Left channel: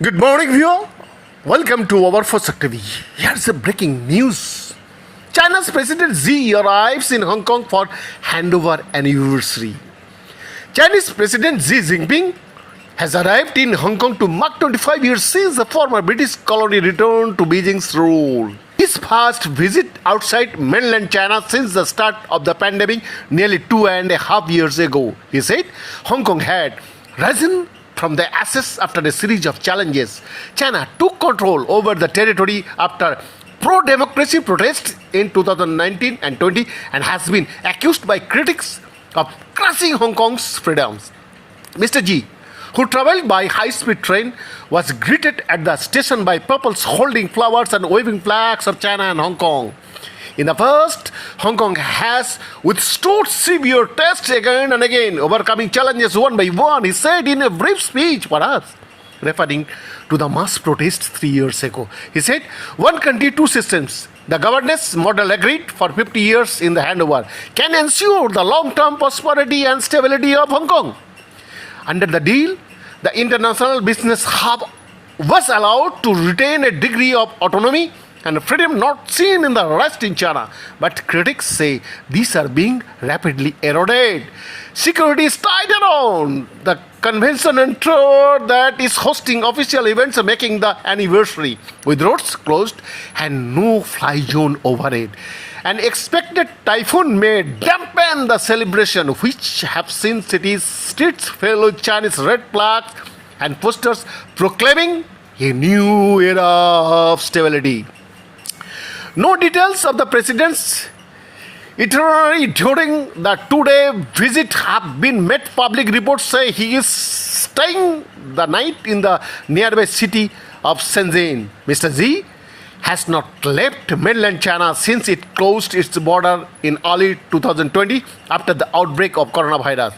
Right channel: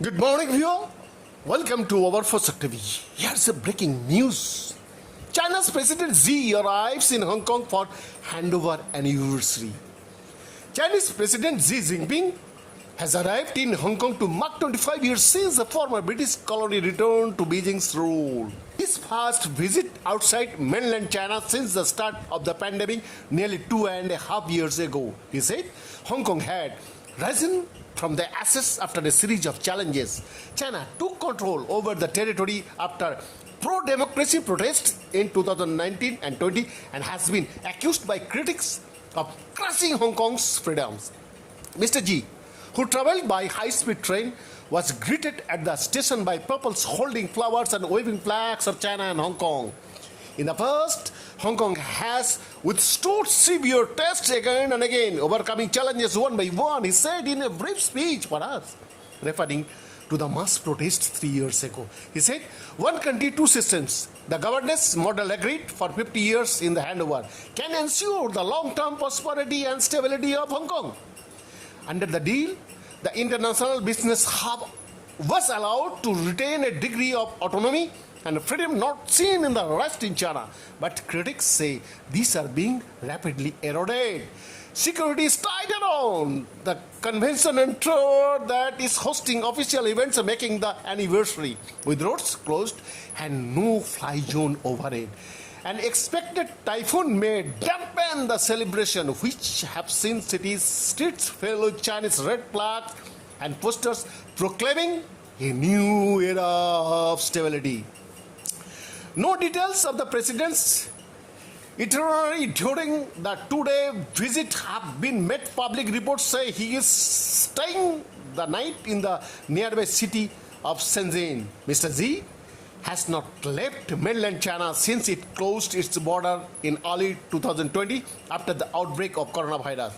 Good morning, viewer. Welcome to our first TV. Here's a breaking news. China's President Xi arrives in Hong Kong for handover anniversary. Chinese President Xi Jinping has arrived in Hong Kong to mark 25 years since the former British colony returned to Beijing's rule. His first visit outside mainland China since the start of the pandemic nearly 2.5 years ago. He said Hong Kong had risen from the ashes after a series of challenges. China took control over the territory after pro-democracy protests in 2019 and 20 and has been accused by critics of crushing Hong Kong's freedoms. Mr. Xi, who travelled by high-speed train, was greeted at the station by peoples holding flowers and waving flags of China and Hong Kong. In the past, Hong Kong has withstood severe tests again and again, overcoming challenges one by one, he said in a brief speech for us, referring to the mass protests 3 years ago. He said, one country, two systems. The governance model agreed for 50 years in the handover can ensure the long-term prosperity and stability of Hong Kong. Under the deal, the international business hub was allowed to retain a degree of autonomy and freedom not seen in the rest in China. But critics say these are being rapidly eroded. Security is tight around the convention and tour that is hosting official events making the anniversary, with roads closed and no fly zone over it. An expected typhoon may dampen the celebration, which have seen cities' streets filled with Chinese red flags and posters proclaiming a new era of stability. No details of the president's itinerary during the two-day visit have been made. Public reports say he is staying the night in the nearby city of Shenzhen. Mr. Xi has not left mainland China since it closed its border in early 2020 after the outbreak of coronavirus.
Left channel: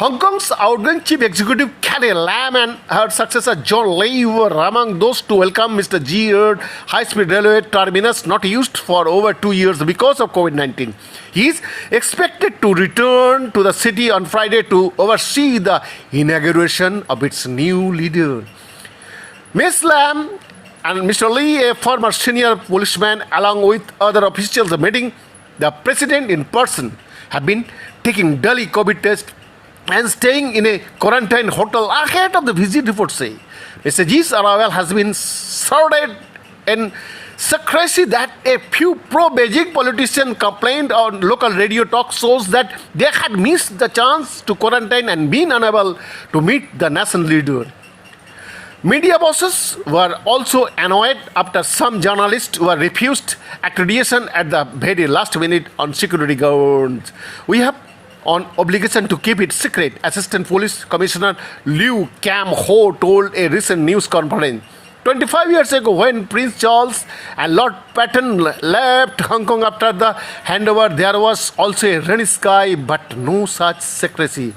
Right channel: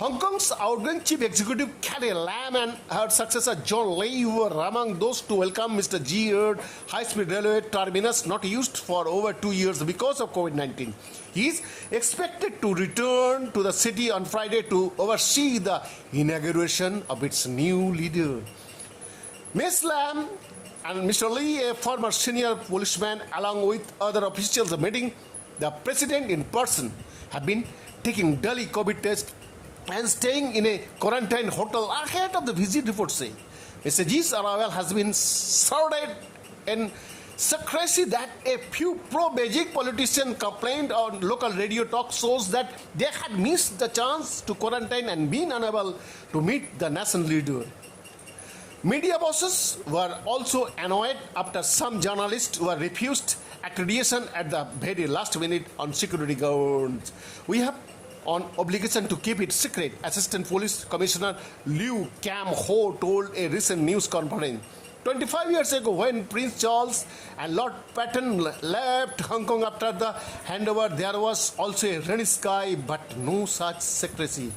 Hong Kong's outgoing chief executive Carrie Lam and her successor John Lee were among those to welcome Mr. Xi at high-speed railway terminus not used for over 2 years because of COVID-19. He is expected to return to the city on Friday to oversee the inauguration of its new leader. Ms. Lam and Mr. Lee, a former senior policeman, along with other officials meeting the president in person, have been taking daily COVID tests and staying in a quarantine hotel ahead of the visit, reports say. Mr. Xi's arrival has been shrouded in secrecy that a few pro-Beijing politicians complained on local radio talk shows that they had missed the chance to quarantine and been unable to meet the nation leader. Media bosses were also annoyed after some journalists were refused accreditation at the very last minute on security grounds. We have an obligation to keep it secret, Assistant Police Commissioner Liu Cam Ho told a recent news conference. 25 years ago, when Prince Charles and Lord Patton left Hong Kong after the handover, there was also a rainy sky, but no such secrecy.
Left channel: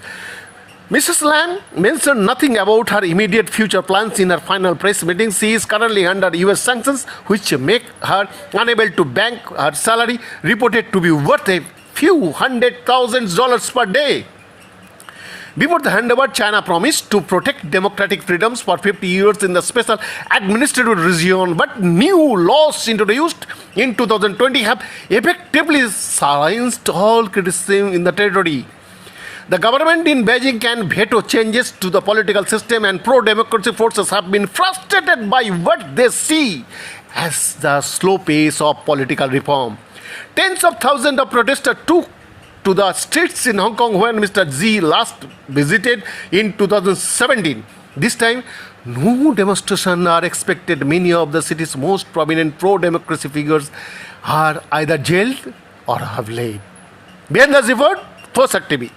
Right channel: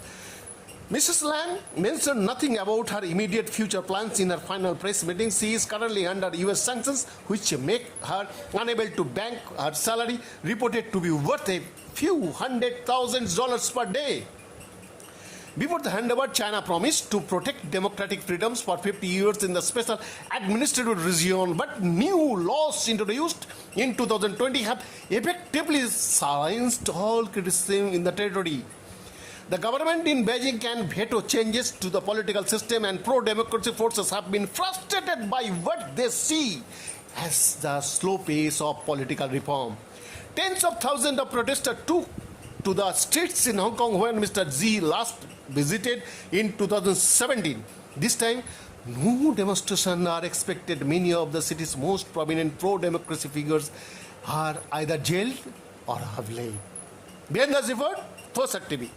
Mrs. Lam mentioned nothing about her immediate future plans in her final press meeting. She is currently under US sanctions, which make her unable to bank her salary, reported to be worth a few $100,000 per day. Before the handover, China promised to protect democratic freedoms for 50 years in the special administrative region, but new laws introduced in 2020 have effectively silenced all criticism in the territory. The government in Beijing can veto changes to the political system, and pro-democracy forces have been frustrated by what they see as the slow pace of political reform. Tens of thousands of protesters took to the streets in Hong Kong when Mr. Xi last visited in 2017. This time, no demonstrations are expected. Many of the city's most prominent pro-democracy figures are either jailed or have left. Behind the report, First TV.